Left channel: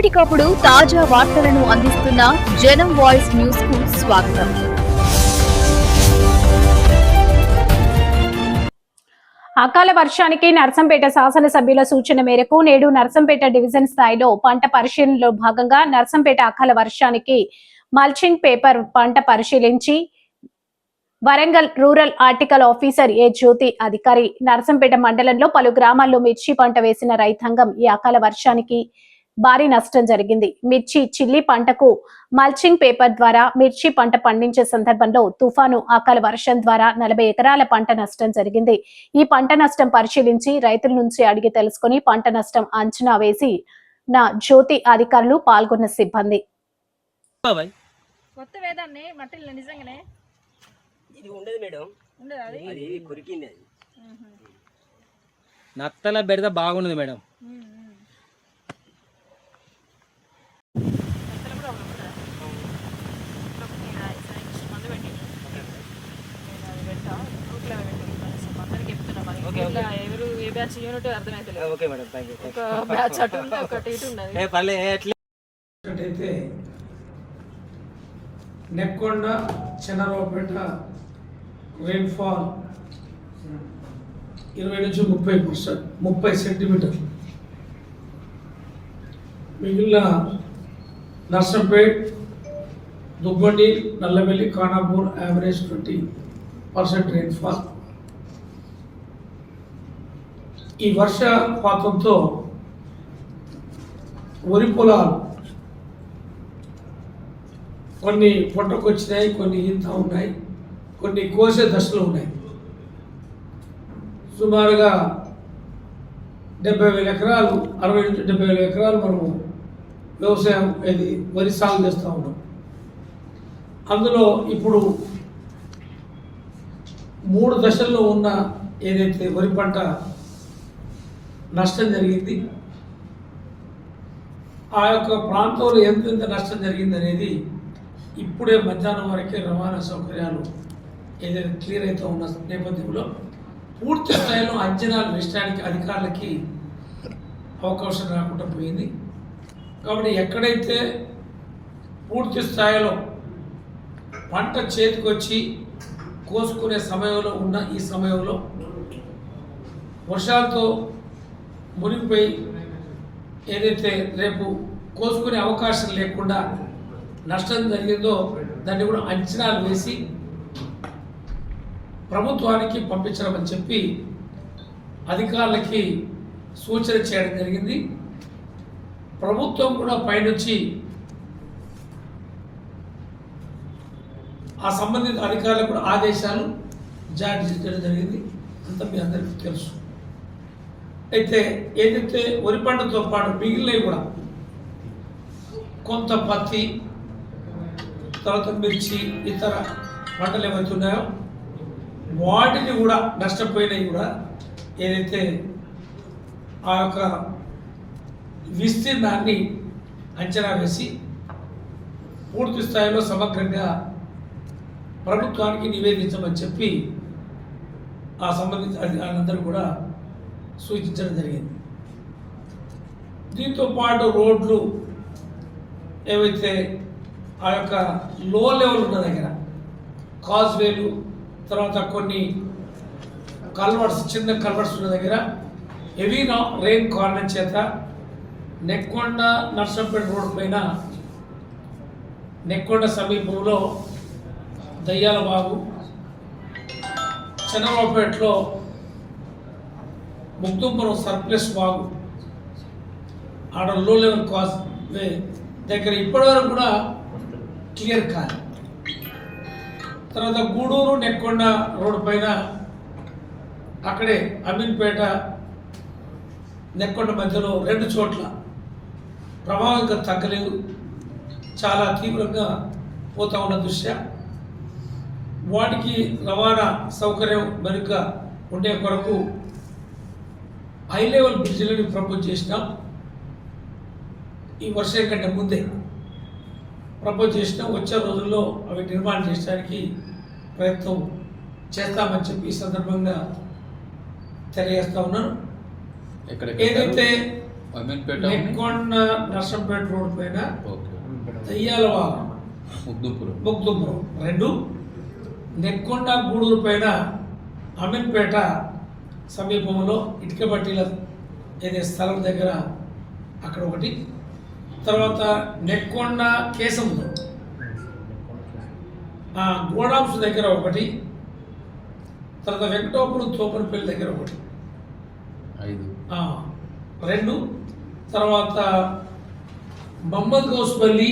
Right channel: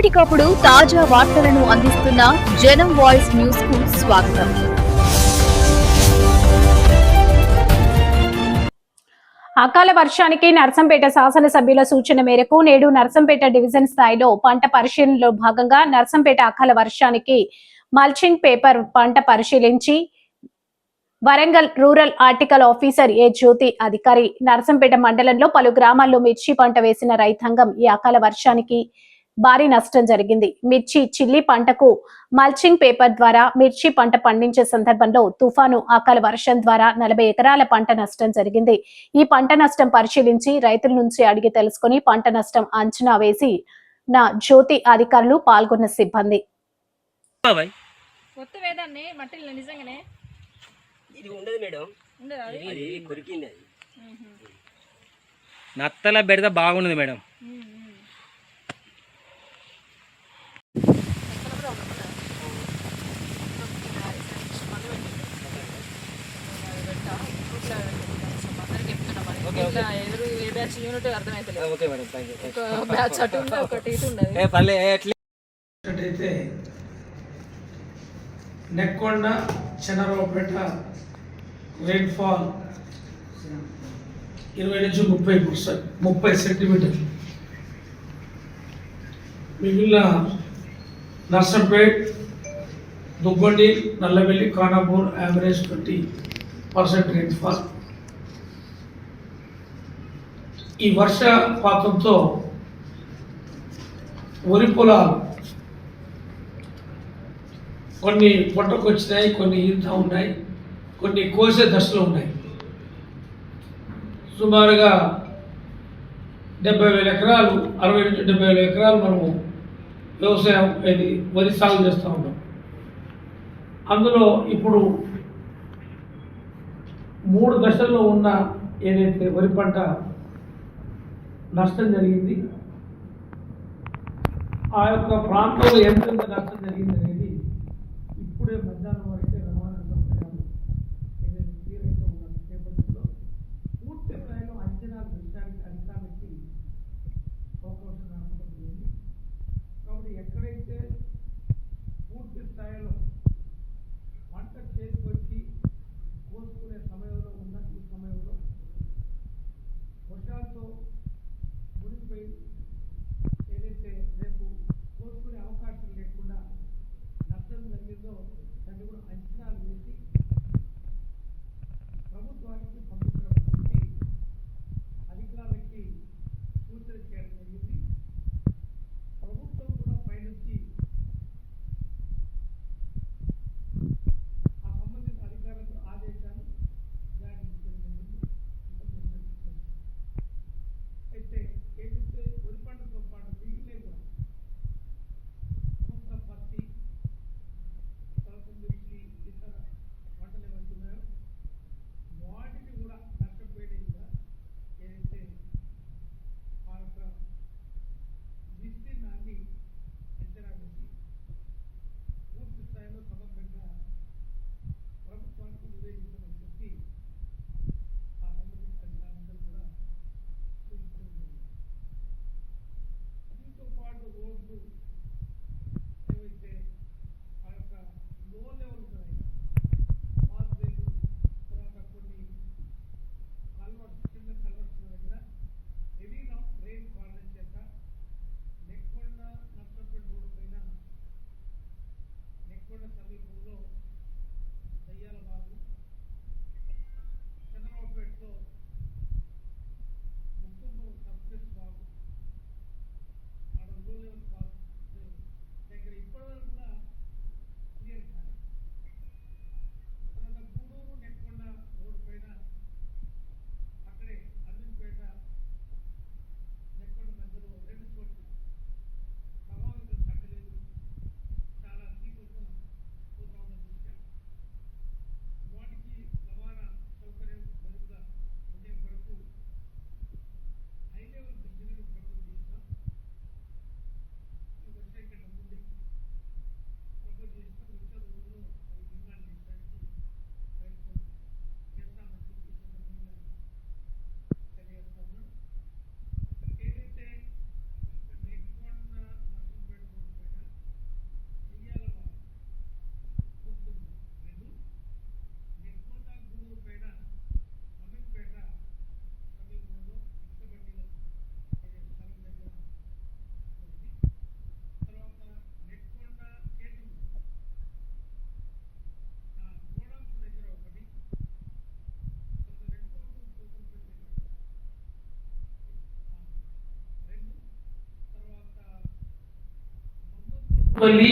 ఎప్పటికప్పుడు తాజా వార్తలను అందిస్తున్న జనం వాయిస్ న్యూస్ కు స్వాగతం. అకాల వర్షానికి నర్సంపేట శాసనసభ్యుల సూచన మేరకు నేడు నర్సంపేట డివిజన్ స్థాయిలో పంట పరిశీలనలో భాగంగా నర్సంపేట అకాల వర్షానికి మల్చింగ్ పేపర్ పంట పరిశీలించి వరంగల్ రూరల్ ఆర్టికల్ ఆఫీసర్ ఏ జ్యోతి అధికారి నర్సంపేట మండలంలో పలు గ్రామాల్లో మిర్చి పంట వేసిన రైతాంగం ఈ అకాల వర్షానికి భారీ నష్టం జరిగింది. మిర్చి చిల్లి పంటకు మల్చింగ్ పేపర్ ద్వారా మిర్చి పంట పండించే సందర్భంలో తుఫాను అకాల వర్షం ద్వారా 40 ఎకరాల పంట నష్టం జరిగింది. ఈ పంట నష్టం పరిశీలించి రైతుల నుంచి అడిగి తెలుసుకుని పంట నష్టం అంచనా వేసి నా జ్యోతి అధికారులు పాల్గొన్న సిబ్బంది. నత్తల బెడద బాగున్నది మేడం. అయితే నెక్కొండ చెన్నరావుపేట రెయిన్ఫాల్ 20 నుంచి 30 సెంటీమీటర్లు. మిగిలిన నర్సంపేట్, దుగ్గొండి, నల్లవెల్లి, ఖానాపూర్ యావరేజ్ 20% రెయిన్ఫాల్. ఈ వర్షపాతంతో వరి పొలాలు కొన్ని పొట్టకు వచ్చినాయి, కొన్ని ఈత ఉన్నాయి, కొన్ని కోసే దశలో ఉన్నాయి. సుమారుగా 70,000 ఎకరాలు, 60 నుంచి 70,000 ఎకరాలు మనము వ్యవసాయం ఇది వరి సాగు చేస్తూ ఉన్నాం. అందులో ఇప్పుడు 3 దశల్లో ఉన్న ఏదైతే వరి పంట నష్టం జరిగింది, ఆ యొక్క ప్రాంతంలో ఎంత నష్టం జరిగింది అనేది ఇప్పుడే మధ్యాహ్నం వరకే రవాణా సౌకర్యాలు ఏదైతే క్లియర్ అవుతూ ఉన్న నేపథ్యంలో పూర్తి స్థాయిలో అంచనాలు వేయడానికి అధికారులకి అవకాశం రాకుండా పోయింది. కాబట్టి ఎక్కడైతే పూర్తి స్థాయిలో పంట చేతికొచ్చి కోసుకునే సమయంలో ఉన్న ఈ సమయంలో వర్షాలతో మునిగిపోయి ఏదైతే రేపు కోసుకునే అవకాశం లేకుండా నష్టం జరిగిందో దాన్ని కూడా అంచనాలు వేసి ప్రభుత్వానికి పంపించడమని చెప్పి అధికారులకి సూచన చేయడం జరిగింది. ప్రభుత్వం కూడా పైనుంచి ఆ సంబంధిత అధికారులకు కూడా ఆదేశాలు జారీ చేయడం జరిగింది. అంతా మీ అందరికీ తెలుసు. అయితే ఏదైతే వరి పంటతో పాటు మిగిలినవి కూడా కొంత పత్తి, తర్వాత మిర్చి, ఇతర పంటలు ఏవైతే ఉన్నాయో వాటిని కూడా నష్టపోయినవి కూడా ఏదైతే ఆ యొక్క విస్తీర్ణాన్ని అంచనా వేసి పూర్తి స్థాయిలో సమగ్రంగా ప్రభుత్వానికి నివేదించమని చెప్పి ఆ సంబంధిత అధికారులందరూ కూడా సూచించడం జరిగింది. దీంతో పాటు రోడ్లు ఏవైతే ఆ యొక్క లో లెవెల్ ఉన్న దగ్గర కాజ్వేలు, తర్వాత కొన్ని కల్వర్ట్స్, చిన్న కల్వర్ట్స్ ఉన్న దగ్గర హెవీ రెయిన్ కారణం చేత నెక్కొండ నర్సంపేట రోడ్డు పైన నెక్కొండ సమీపంలో దయ్యాలబాగు, చెన్నరావుపేటలో ముక్తుంపురం సర్ప్లస్ బాగు, ఆడ లో లెవెల్ కాజ్ వే దగ్గర ఇప్పటివరకు కూడా క్లియర్ కాదు. తర్వాత గూడూరు నెక్కొండ రోడ్డు పైన అక్కడే అమీన్పేట నెక్కొండ మధ్యలో 2 చోట్ల ప్రభావం ఇంకా తగ్గలేదు, చాలా తీవ్రంగా పోతా ఉన్న దృష్ట్యా వాటికి రవాణా సౌకర్యం మెరుగ్గా ఉండే కొరకు హై లెవెల్ బ్రిడ్జ్లను ప్రపోజ్ చేసినాం. ఈ వర్షం కంటే ముందే ప్రపోజ్ చేసినాం. వచ్చే రోజుల్లో అవి నిర్మాణం చేయడానికి ప్రయత్నం చేస్తామని చెప్పి ఈ సందర్భంగా తెలియజేస్తా ఉన్నాను. ఏదైతే అమీన్పేట నెక్కొండ నర్సంపేట రోడ్ పైన ఓకే దయ్యాలవాగ ముగ్దుపురం ముగ్దుపురం 2, నెక్కొండ గూడూరు పైన అమీన్పేట సమీపంలో ఇటుక బట్టీల ఏదే స్థలం దగ్గర అక్కడ ఒకటి, తర్వాత నెక్కొండ కేశంలో గోడాంశ దగ్గర ఒకటి, తర్వాత వెంకటాపురం తోపనపల్లి దగ్గర ఒకటి 5 2, తర్వాత మహమ్మద్ గౌస్పల్లి